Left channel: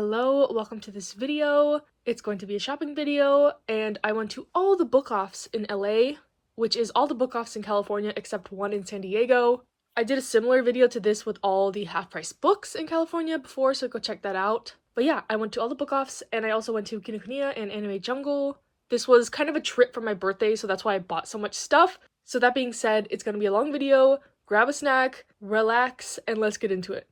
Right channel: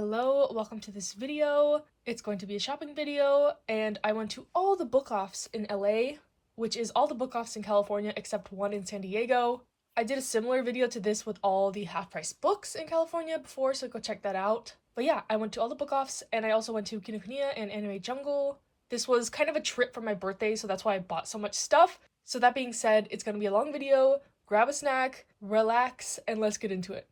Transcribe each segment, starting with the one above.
Hello, welcome to this video. It's going to be a shopping video, and I went to all the book offs in LA, which is all the book offs in California except one in San Diego. I did a similar video to this with all the half-price books in California before, so go check that out. But yeah, I went to all the book offs, and I also went to Kinokuniya and Anime Jungle. This was kind of a trip for my birthday, so that's why I bought so much stuff. So that being said, it's gonna be a long video. Grab a snack, relax, and let's get into it.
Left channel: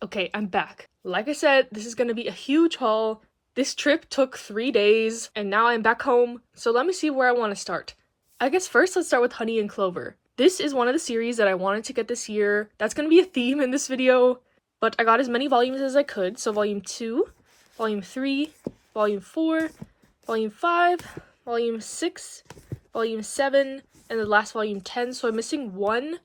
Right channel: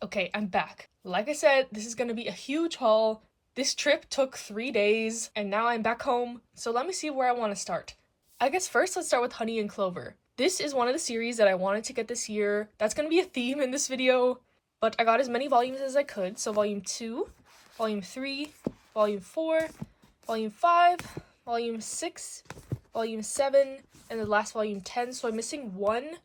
Okay, I'm back. Like I said, this is gonna be a huge haul. This trip took 3 days, and now I'm back home, so let me see where I want to start. I guess first let's start with Honey and Clover. This is one of the series that I wanted to get this year. That's gonna be a theme in this video, but I got as many volumes as I could, so volume 2, volume 3, volume 4, volume 5, volume 6, volume 7, and the last volume 10, so I'm missing 1,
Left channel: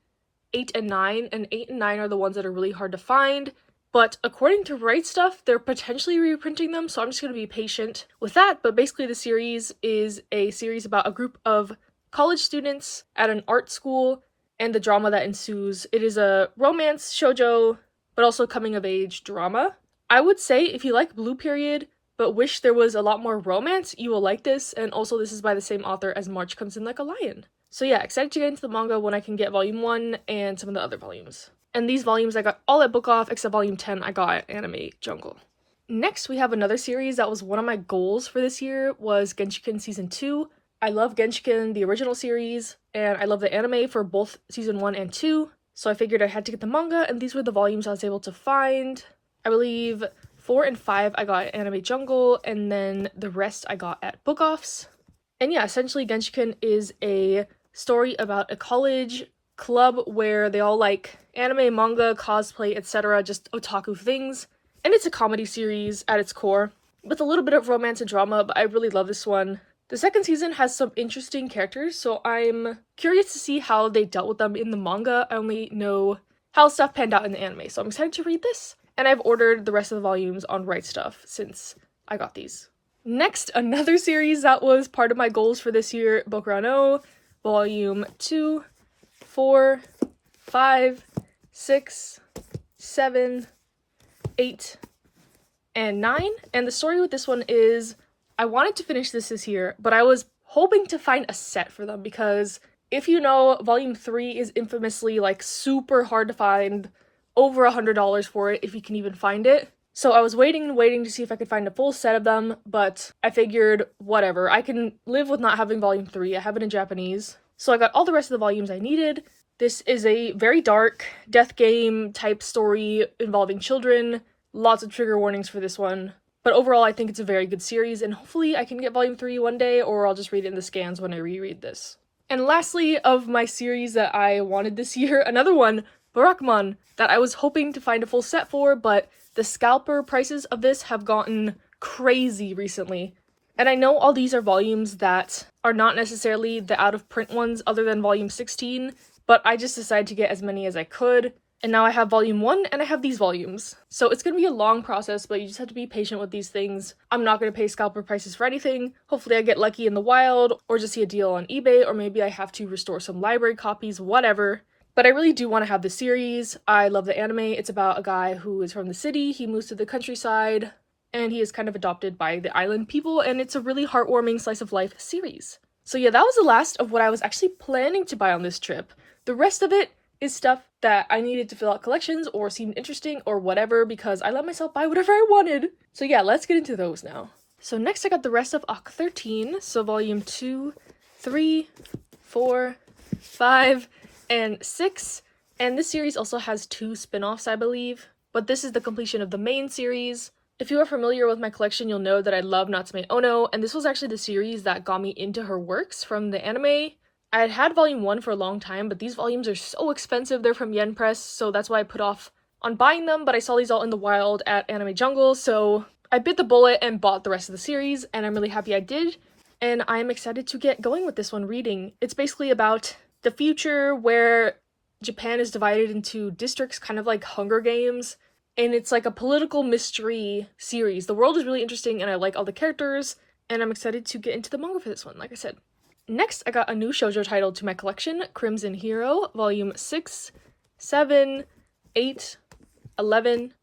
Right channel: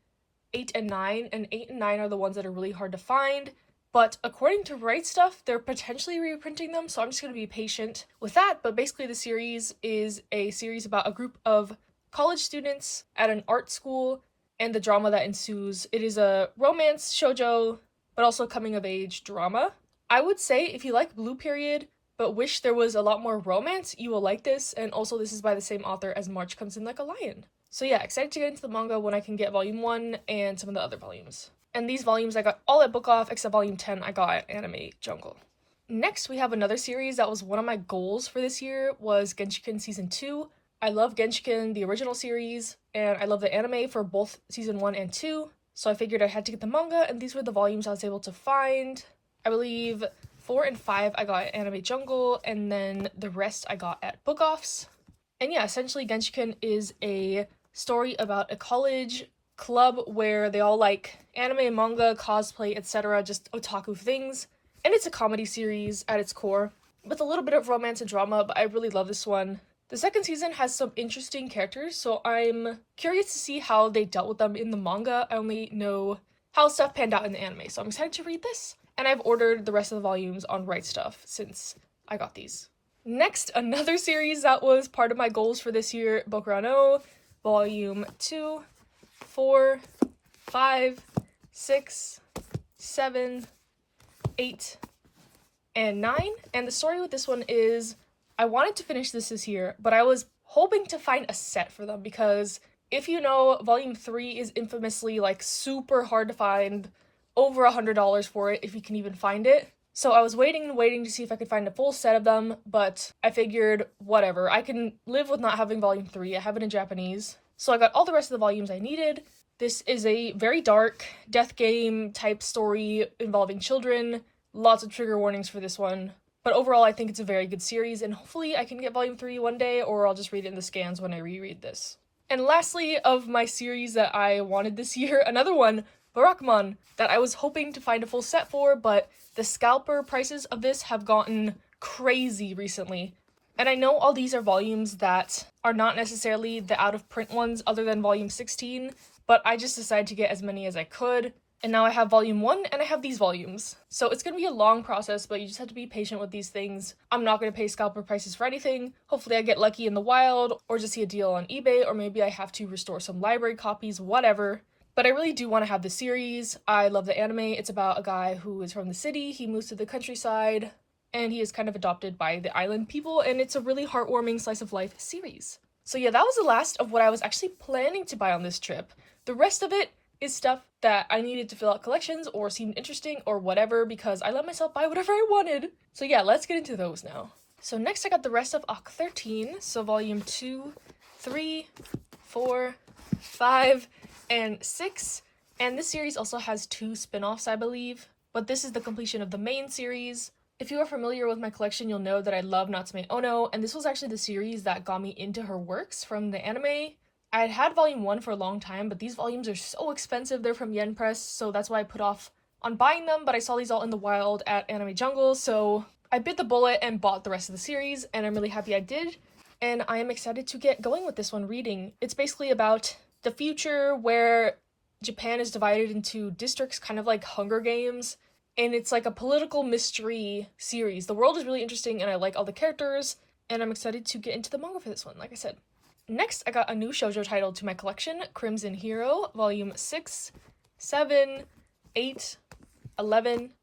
8, and 9, and 8 and 9 are the ones that are really hard to find. But according to Right Stuff, they're potentially reprinting them, so I'm just going to be patient with that. But basically the series is a series about a group of college students at an art school and the drama that ensues. It is a romance shoujo, but also coming of age drama. I would say if you like Blue Period, but wish there was a lot more romance, you will like this, and also this is by the same author as March Comes in Like a Lion. So yeah, excited to get into the manga when I can get volume 1 and some of the other volumes. And these volumes I got all at Book Off, except volume 10 I got at Anime Jungle. Next, we have another series that was one of my goals for this year, was Genjiken Season 2. I love Genjiken, the original series, and I love the anime for both Season 1 and 2, so I figured I had to get the manga, and these were the volumes I was able to find. I believe 4 and 5 I got at Anime Jungle, and then the rest I got at Book Offs. And yeah, essentially Genjiken is a story about a college club where they all like anime, manga, cosplay, etc., just otaku things. And it's a comedy series at its core, with a little bit of romance and drama, but I really love this one. The second season has some interesting characters, so I'm curious to see how they dealt with them in the manga. I only know how stuff panned out in the anime, so I'm excited to read this. And I've ordered the rest of the volumes on Right Stuff since I got these. Next, another series that was part of my goals for this year, Boku no Volume 2, 4, 5, 6, 7, 8, and 9. And the story with this one is, I wanted to finish this year, but I was hoping to find a set for them because if you know, volume 3 is infamously like super hard to find, over $100 for it if you can even find it. So I was waiting to see if I could find a full set of them, but I figured whatever, I can live with not having volume 3. I have it in Japanese. So I got all the rest of the volumes I needed. This is a very dark death game type story involving children. Lots of trigger warnings for this one. But overall, I think it's a very good series, and hopefully I can get volume 3 one day, or I'll just read it in the scans when I reread this. And lastly, of my series that I wanted this year, another one, Barakmon, that I was hoping to find a full set for, but the scalper prices of this have gotten crazy recently. And I know all these are volumes that are not necessarily the out-of-print ones other than volume 16, but I just decided to get as many as I could. And now I have volume 1 and I have these volumes. So it's going to be a long process, but you just have to be patient with these things. I'm not going to pay scalper prices for anything. Hopefully I get lucky in the wild, or just see a deal on eBay, or maybe I have to restore some library copies, whatever. But I really do want to have the series. I love the anime. It's about a guy who is from the city, he moves to the countryside, and he is kind of adopted by the island people, and it's a really heartwarming slice of life series. So yeah, that was the last of what I was actually planning to buy on this trip. The rest of it is stuff that I needed to fill out collections or seemed interesting or whatever, because I let myself buy whatever I wanted. So yeah, let's get into those now. So next I got the rest of Arc 13, so volume 2, 3, 4, 5, and 6, and this series also has 2 spin-offs, I believe, but this is the completion of the main series. If you are familiar with my collection, you'll know that I love Natsume Ono, and this was actually the series that got me into her works from the anime. I had had volume 1 for a long time, but these volumes are so expensive. They're from Yen Press, so that's why I put off on buying them, but I saw these all in the wild at Anime Jungle, so I bit the bullet and bought the rest of the series, and I'm really happy I did, and I'm excited to get going with this one reading. It's basically about the future where Japan is divided into districts, kind of like Hunger Games, and it's like a political mystery series. The world is really interesting, and I like all the characters, and I'm excited to get into the manga for this one, like I said. Next, I got a new shoujo title to my collection, Crimson Hero, volume 6, 7, 8, 11,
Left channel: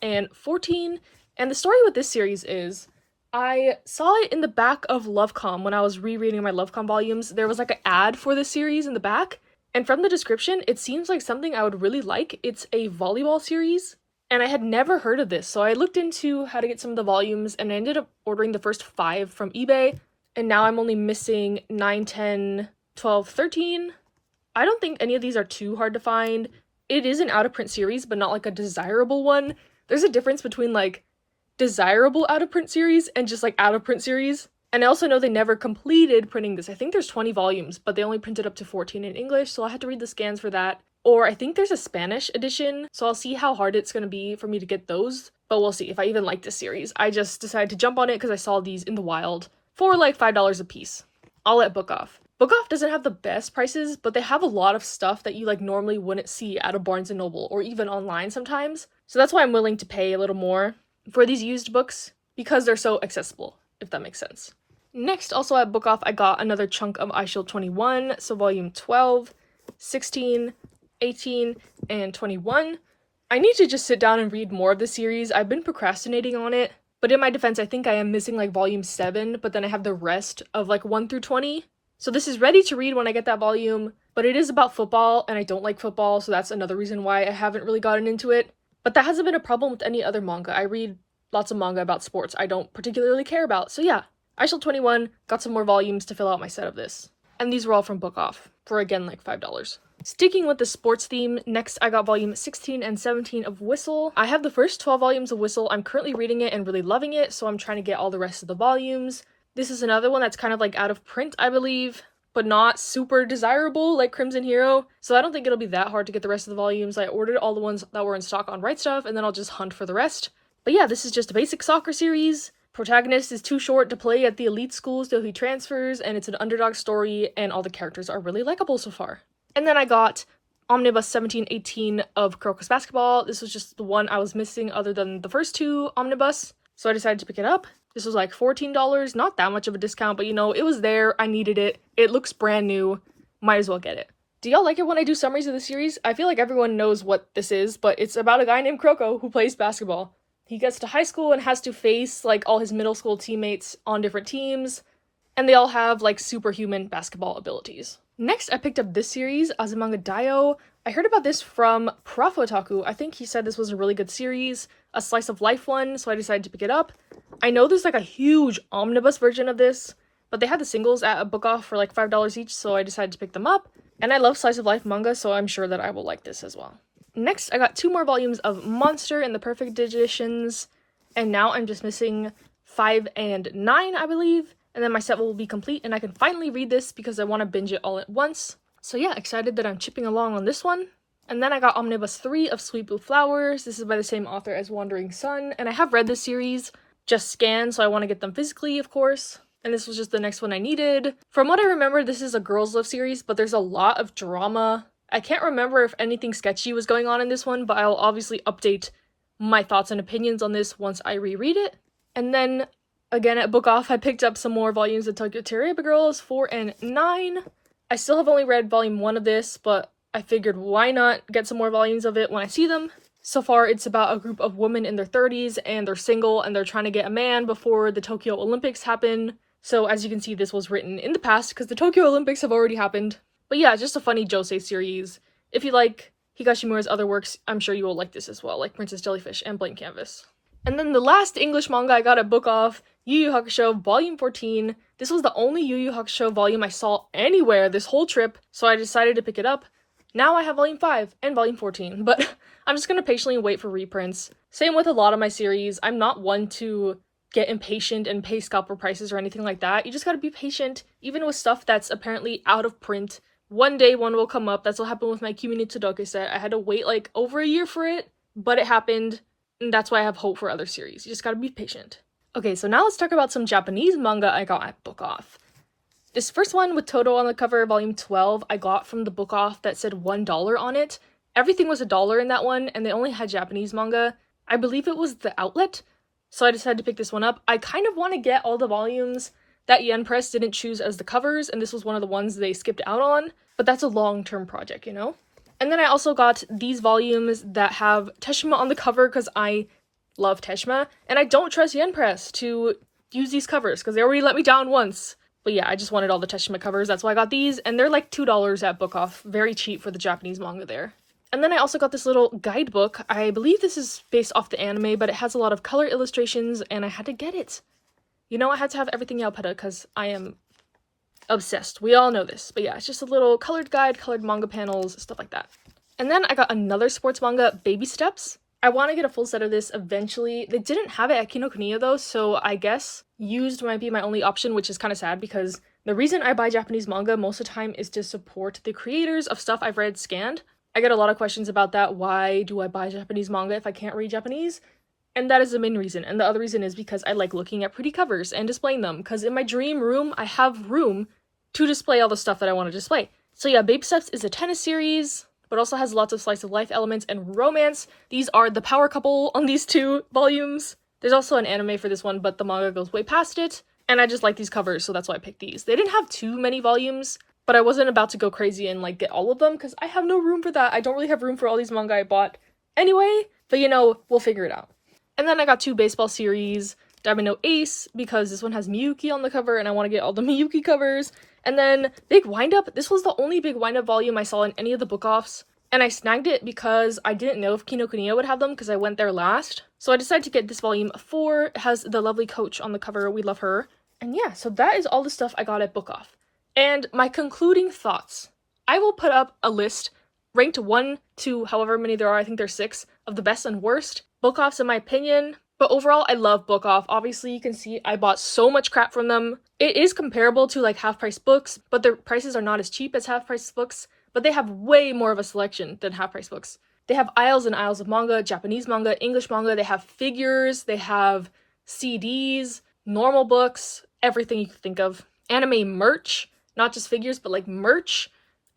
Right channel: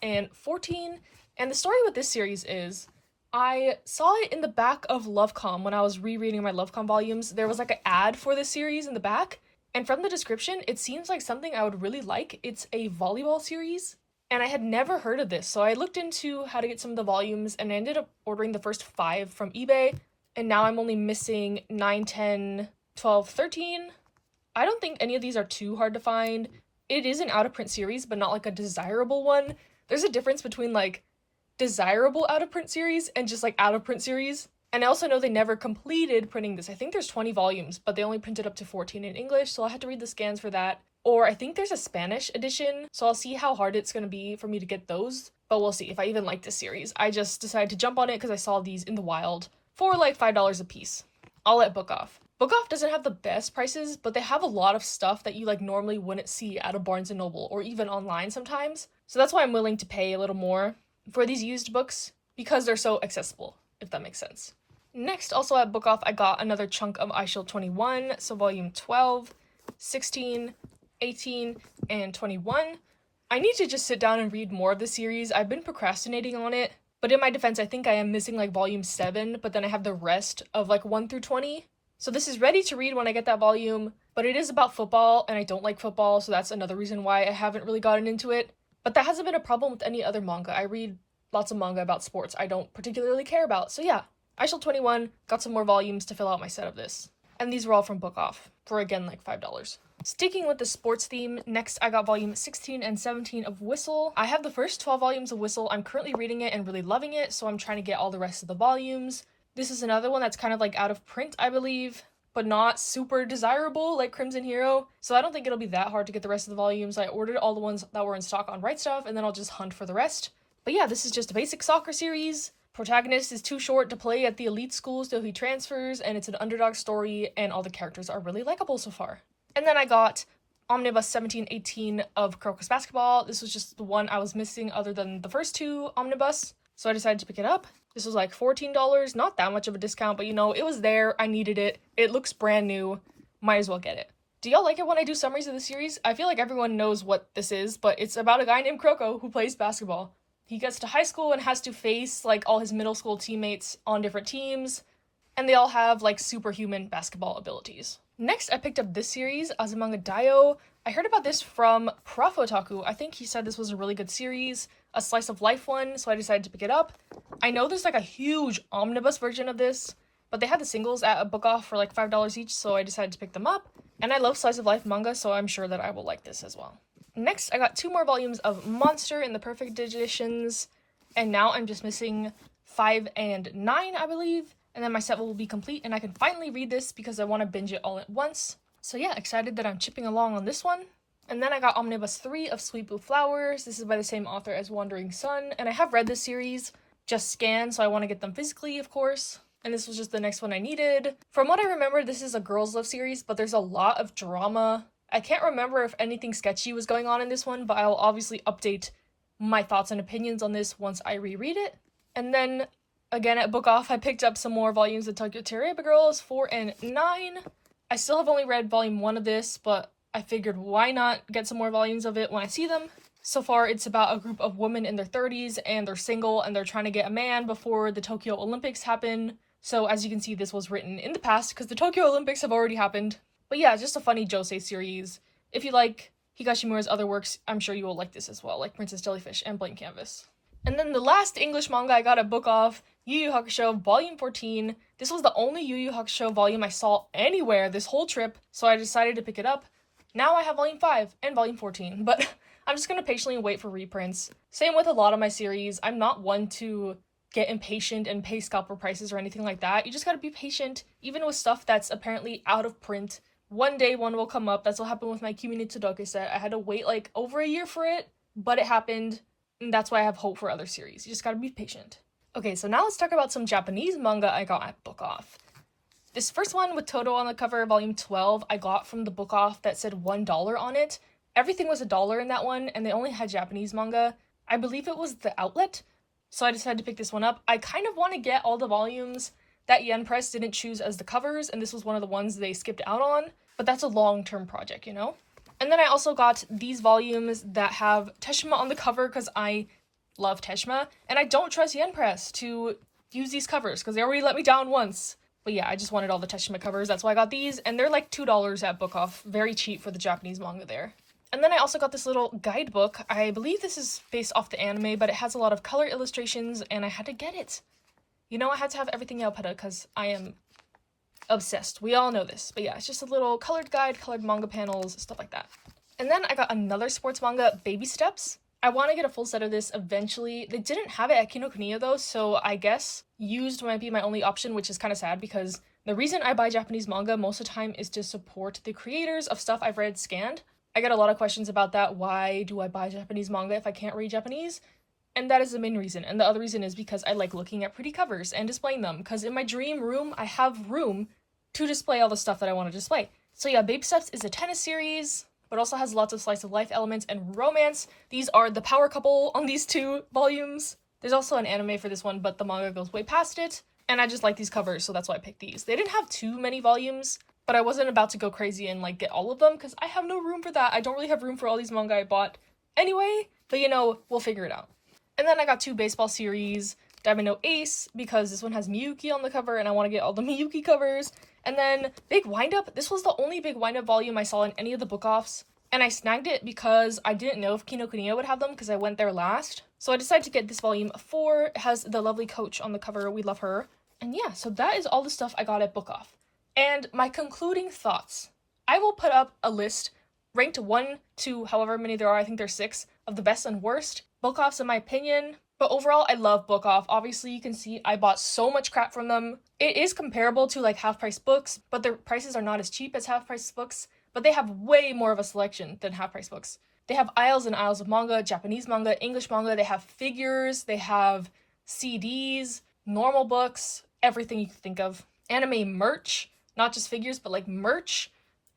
and 14. And the story with this series is, I saw it in the back of Lovecom when I was rereading my Lovecom volumes. There was like an ad for this series in the back, and from the description, it seems like something I would really like. It's a volleyball series, and I had never heard of this, so I looked into how to get some of the volumes, and I ended up ordering the first 5 from eBay. And now I'm only missing 9, 10, 12, 13. I don't think any of these are too hard to find. It is an out-of-print series, but not like a desirable one. There's a difference between like desirable out-of-print series and just like out-of-print series. And I also know they never completed printing this. I think there's 20 volumes, but they only printed up to 14 in English, so I'll have to read the scans for that. Or I think there's a Spanish edition, so I'll see how hard it's going to be for me to get those. But we'll see if I even like this series. I just decided to jump on it because I saw these in the wild for like $5 a piece. I'll let Book Off. Book Off doesn't have the best prices, but they have a lot of stuff that you like normally wouldn't see at a Barnes & Noble or even online sometimes. So that's why I'm willing to pay a little more for these used books, because they're so accessible, if that makes sense. Next, also at Book Off, I got another chunk of iShield 21, so volume 12, 16, 18, and 21. I need to just sit down and read more of the series. I've been procrastinating on it, but in my defense, I think I am missing like volume 7, but then I have the rest of like 1 through 20. So this is ready to read when I get that volume, but it is about football, and I don't like football, so that's another reason why I haven't really gotten into it. But that hasn't been a problem with any other manga. I read lots of manga about sports I don't particularly care about. So yeah, I Shall 21 got some more volumes to fill out my set of this. And these were all from Book Off for, again, like $5. Sticking with the sports theme, next I got volume 16 and 17 of Whistle. I have the first 12 volumes of Whistle. I'm currently reading it and really loving it, so I'm trying to get all the rest of the volumes. This is another one that's kind of like out of print, I believe, but not super desirable like Crimson Hero, so I don't think it'll be that hard to get the rest of the volumes. I ordered all the ones that were in stock on Right Stuff, and then I'll just hunt for the rest. But yeah, this is just a basic soccer series. Protagonist is too short to play at the elite school, so he transfers, and it's an underdog story, and all the characters are really likable so far. And then I got Omnibus 1718 of Kuroko's Basketball. This was just the one I was missing other than the first 2 Omnibus, so I decided to pick it up. This was like $14, not that much of a discount, but you know, it was there, I needed it, it looks brand new, might as well get it. Do y'all like it when I do summaries of the series? I feel like everyone knows what this is, but it's about a guy named Kuroko who plays basketball. He gets to high school and has to face like all his middle school teammates on different teams, and they all have like superhuman basketball abilities. Next, I picked up this series, Azumanga Daioh. I heard about this from Prof Otaku. I think he said this was a really good series, a slice of life one, so I decided to pick it up. I know there's like a huge omnibus version of this, but they had the singles at a Book Off for like $5 each, so I decided to pick them up. And I love slice of life manga, so I'm sure that I will like this as well. Next, I got 2 more volumes of Monster and the Perfect Digestions, and now I'm just missing 5 and 9, I believe, and then my set will be complete, and I can finally read this because I want to binge it all at once. So yeah, excited that I'm chipping along on this one. And then I got Omnibus 3 of Sweet Blue Flowers. This is by the same author as Wandering Sun, and I have read this series, just scanned, so I want to get them physically, of course. And this was just the next one I needed. From what I remember, this is a girls' love series, but there's a lot of drama. I can't remember if anything sketchy was going on in this one, but I'll obviously update my thoughts and opinions on this once I reread it. And then, again at Book Off, I picked up some more volumes of Tokyo Tereba Girls 4 and 9. I still have only read volume 1 of this, but I figured why not get some more volumes of it when I see them. So far, it's about a group of women in their 30s, and they're single, and they're trying to get a man before the Tokyo Olympics happen. So as you can see, this was written in the past, because the Tokyo Olympics have already happened. But yeah, just a funny josei series. If you like Higashimura's other works, I'm sure you will like this as well, like Princess Jellyfish and Blank Canvas. And then the last English manga I got at Book Off, Yu Yu Hakusho Volume 14. This was the only Yu Yu Hakusho volume I saw anywhere this whole trip, so I decided to pick it up. Now I have Volume 5 and Volume 14, but I'm just gonna patiently wait for reprints. Same with a lot of my series. I'm not one to get impatient and pay scalper prices or anything like that. You just gotta be patient, even with stuff that's apparently out of print. One day one will come up. That's what happened with my Kimi no Todoke set. I had to wait like over a year for it, but it happened, and that's why I have hope for other series. You just gotta be patient. Okay, so now let's talk about some Japanese manga I got at Book Off. This first one with Toto on the cover, volume 12, I got from the Book Off that said $1 on it. Everything was $1 in that one, and they only had Japanese manga. I believe it was the outlet, so I decided to pick this one up. I kind of want to get all the volumes that Yen Press didn't choose as the covers, and this was one of the ones they skipped out on, but that's a long-term project, you know? And then I also got these volumes that have Teshima on the cover because I love Teshima, and I don't trust Yen Press to use these covers because they already let me down once. But yeah, I just wanted all the Teshima covers, that's why I got these, and they're like $2 at Book Off, very cheap for the Japanese manga there. And then I also got this little guidebook. I believe this is based off the anime, but it has a lot of color illustrations, and I had to get it. You know, I had to have everything Yaopeta because I am obsessed. We all know this. But yeah, it's just a little colored guide, colored manga panels, stuff like that. And then I got another sports manga, Baby Steps. I want to get a full set of this eventually. They didn't have it at Kinokuniya though, so I guess used might be my only option, which is kind of sad because the reason I buy Japanese manga most of the time is to support the creators of stuff I've read scanned. I get a lot of questions about that. Why do I buy Japanese manga if I can't read Japanese? And that is the main reason. And the other reason is because I like looking at pretty covers and displaying them. Because in my dream room, I have room to display all the stuff that I want to display. So yeah, Baby Steps is a tennis series, but also has lots of slice of life elements and romance. These are the power couple on these 2 volumes. There's also an anime for this one, but the manga goes way past it. And I just like these covers, so that's why I picked these. They didn't have too many volumes, but I wasn't about to go crazy and like get all of them because I have no room for that. I don't really have room for all these manga I bought anyway, but you know, we'll figure it out. And then I got 2 baseball series, Diamond No Ace, because this one has Miyuki on the cover and I want to get all the Miyuki covers. And then Big Windup, this was the only Big Windup volume I saw in any of the book offs, and I snagged it because I didn't know if Kinokuniya would have them because I went there last. So I decided to get this volume 4. It has the lovely Coach on the cover, we love her. And yeah, so that is all the stuff I got at book off. And my concluding thoughts. I will put up a list ranked 1 to however many there are, I think there's 6, of the best and worst book offs in my opinion. But overall, I love book off. Obviously, you can see I bought so much crap from them. It is comparable to like half-price books, but their prices are not as cheap as half-price books, but they have way more of a selection than half-price books. They have aisles and aisles of manga, Japanese manga, English manga, they have figures, they have CDs, normal books, everything you can think of. Anime merch, not just figures, but like merch,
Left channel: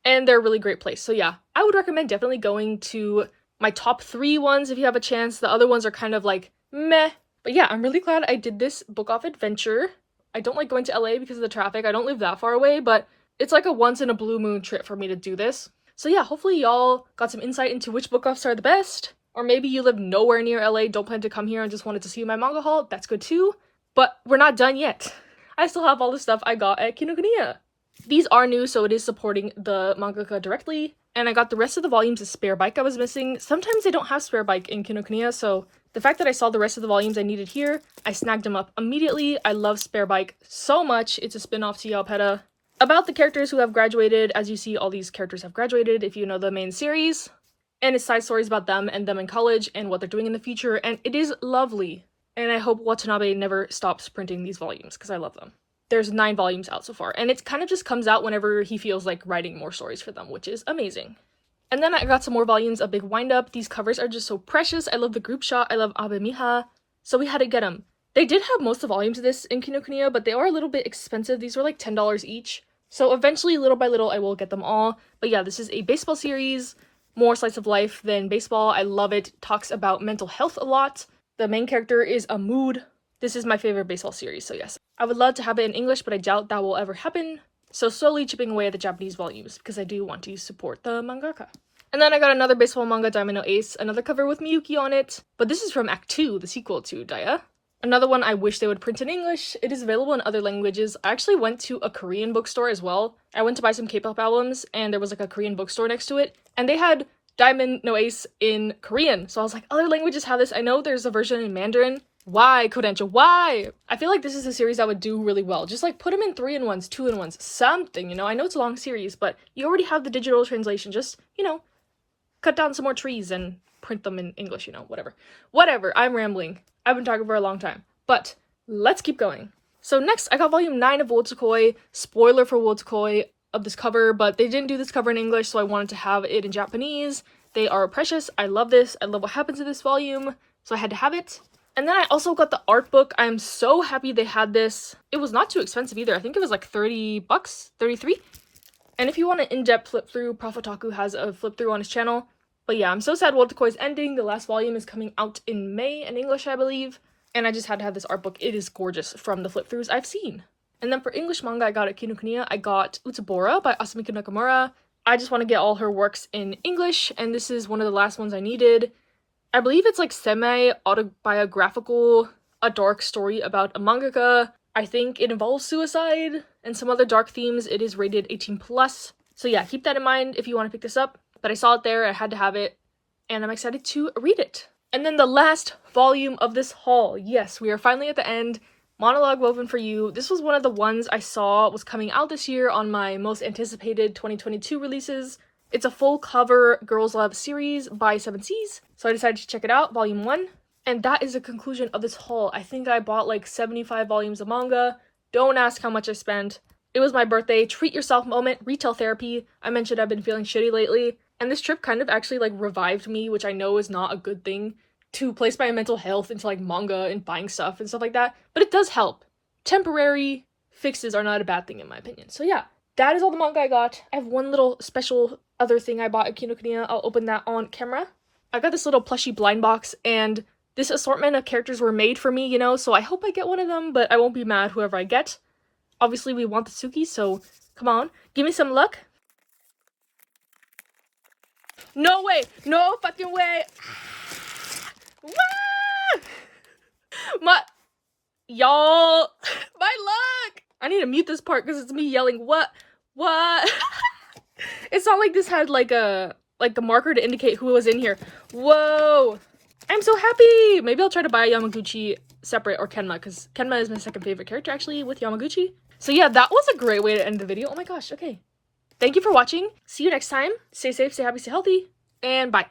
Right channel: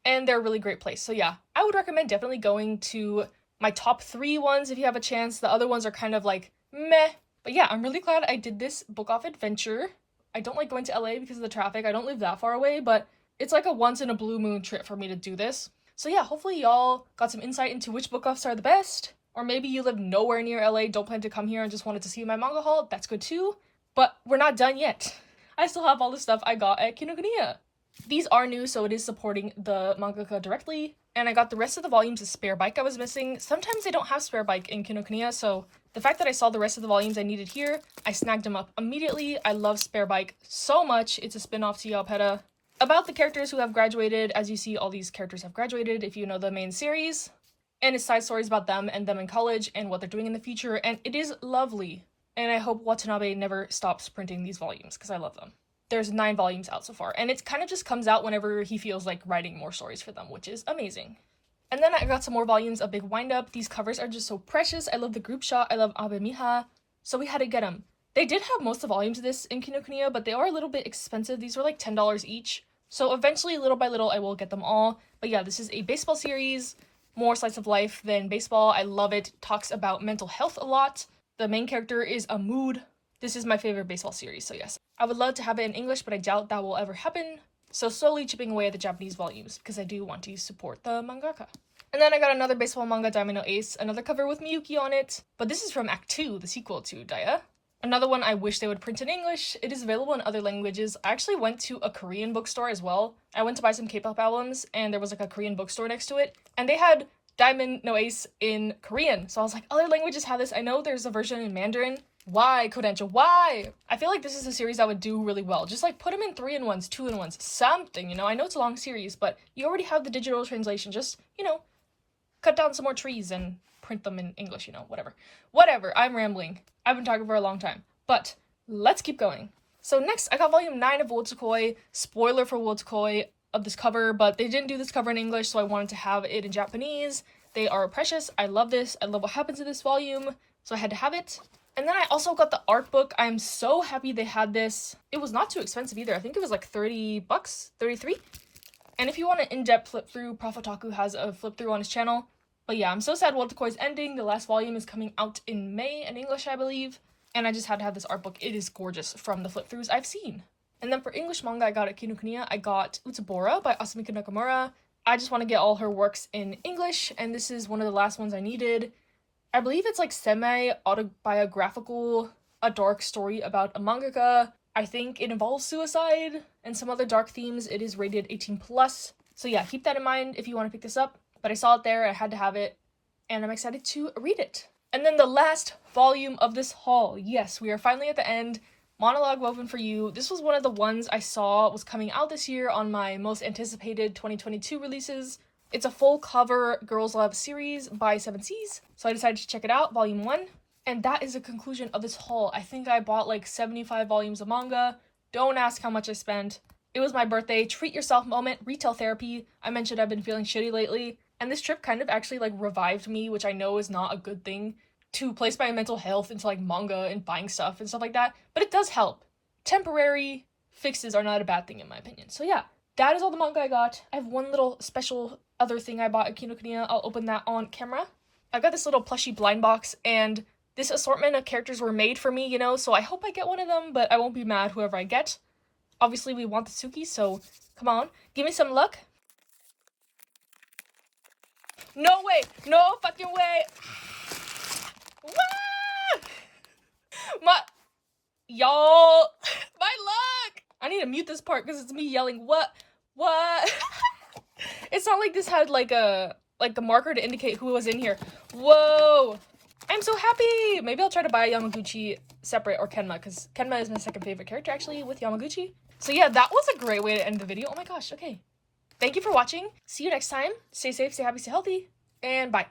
and they're a really great place. So yeah, I would recommend definitely going to my top 3 ones if you have a chance. The other ones are kind of like meh. But yeah, I'm really glad I did this book off adventure. I don't like going to LA because of the traffic. I don't live that far away, but it's like a once in a blue moon trip for me to do this. So yeah, hopefully y'all got some insight into which book offs are the best. Or maybe you live nowhere near LA, don't plan to come here and just wanted to see my manga haul. That's good too. But we're not done yet. I still have all the stuff I got at Kinokuniya. These are new, so it is supporting the mangaka directly. And I got the rest of the volumes of Spare Bike I was missing. Sometimes they don't have Spare Bike in Kinokuniya, so the fact that I saw the rest of the volumes I needed here, I snagged them up immediately. I love Spare Bike so much. It's a spin-off to Yaopeta. About the characters who have graduated, as you see, all these characters have graduated if you know the main series. And it's side stories about them and them in college and what they're doing in the future, and it is lovely. And I hope Watanabe never stops printing these volumes, because I love them. There's 9 volumes out so far, and it kind of just comes out whenever he feels like writing more stories for them, which is amazing. And then I got some more volumes of Big Windup. These covers are just so precious. I love the group shot. I love Abe Miha. So we had to get them. They did have most of the volumes of this in Kinokuniya, but they are a little bit expensive. These were like $10 each. So eventually, little by little, I will get them all. But yeah, this is a baseball series. More slice of life than baseball. I love it. Talks about mental health a lot. The main character is a mood. This is my favorite baseball series, so yes. I would love to have it in English, but I doubt that will ever happen. So slowly chipping away at the Japanese volumes, because I do want to support the mangaka. And then I got another baseball manga, Diamond No Ace, another cover with Miyuki on it. But this is from Act 2, the sequel to Daya. Another one I wish they would print in English. It is available in other languages. I actually went to a Korean bookstore as well. I went to buy some K-pop albums, and there was like a Korean bookstore next to it. And they had Diamond No Ace in Korean. So I was like, other languages have this. I know there's a version in Mandarin. Why, Kodansha? Why? I feel like this is a series that would do really well. Just like put them in 3-in-1s, 2-in-1s, something, you know? I know it's a long series, but you already have the digital translation. Just, you know, cut down some more trees and print them in English, you know, whatever. Whatever, I'm rambling. I've been talking for a long time. But let's keep going. So next, I got volume 9 of Wotsukoi. Spoiler for Wotsukoi of this cover, but they didn't do this cover in English, so I wanted to have it in Japanese. They are precious. I love this. I love what happens in this volume, so I had to have it. And then I also got the art book. I'm so happy they had this. It was not too expensive either. I think it was like 30 bucks, 33. And if you want an in-depth flip through, Profotaku has a flip through on his channel. But yeah, I'm so sad Wotakoi is ending. The last volume is coming out in May in English, I believe. And I just had to have this art book. It is gorgeous from the flip throughs I've seen. And then for English manga I got at Kinokuniya, I got Utsubora by Asumiko Nakamura. I just want to get all her works in English, and this is one of the last ones I needed. I believe it's like semi-autobiographical, a dark story about a mangaka. I think it involves suicide and some other dark themes. It is rated 18+. So yeah, keep that in mind if you want to pick this up. But I saw it there, I had to have it, and I'm excited to read it. And then the last volume of this haul. Yes, we are finally at the end. Monologue Woven for You. This was one of the ones I saw was coming out this year on my most anticipated 2022 releases. It's a full cover Girls Love series by 7 Seas, so I decided to check it out, volume 1. And that is the conclusion of this haul. I think I bought like 75 volumes of manga. Don't ask how much I spent. It was my birthday, treat yourself moment, retail therapy. I mentioned I've been feeling shitty lately, and this trip kind of actually like revived me, which I know is not a good thing, to place my mental health into like manga and buying stuff and stuff like that, but it does help. Temporary fixes are not a bad thing in my opinion. So yeah, that is all the manga I got. I have one little special other thing I bought at Kinokuniya. I'll open that on camera. I got this little plushie blind box, and this assortment of characters were made for me, you know, so I hope I get one of them, but I won't be mad whoever I get. Obviously, we want the Suki, so Come on, give me some luck. No way, no fucking way. Y'all, my luck. I need to mute this part because it's me yelling what. It's not like this had like a marker to indicate who was in here. Whoa, I'm so happy. Maybe I'll try to buy Yamaguchi separate, or Kenma, because Kenma is my second favorite character actually with Yamaguchi. So yeah, that was a great way to end the video. Oh my gosh. Okay, thank you for watching. See you next time. Stay safe, stay happy, stay healthy, and bye.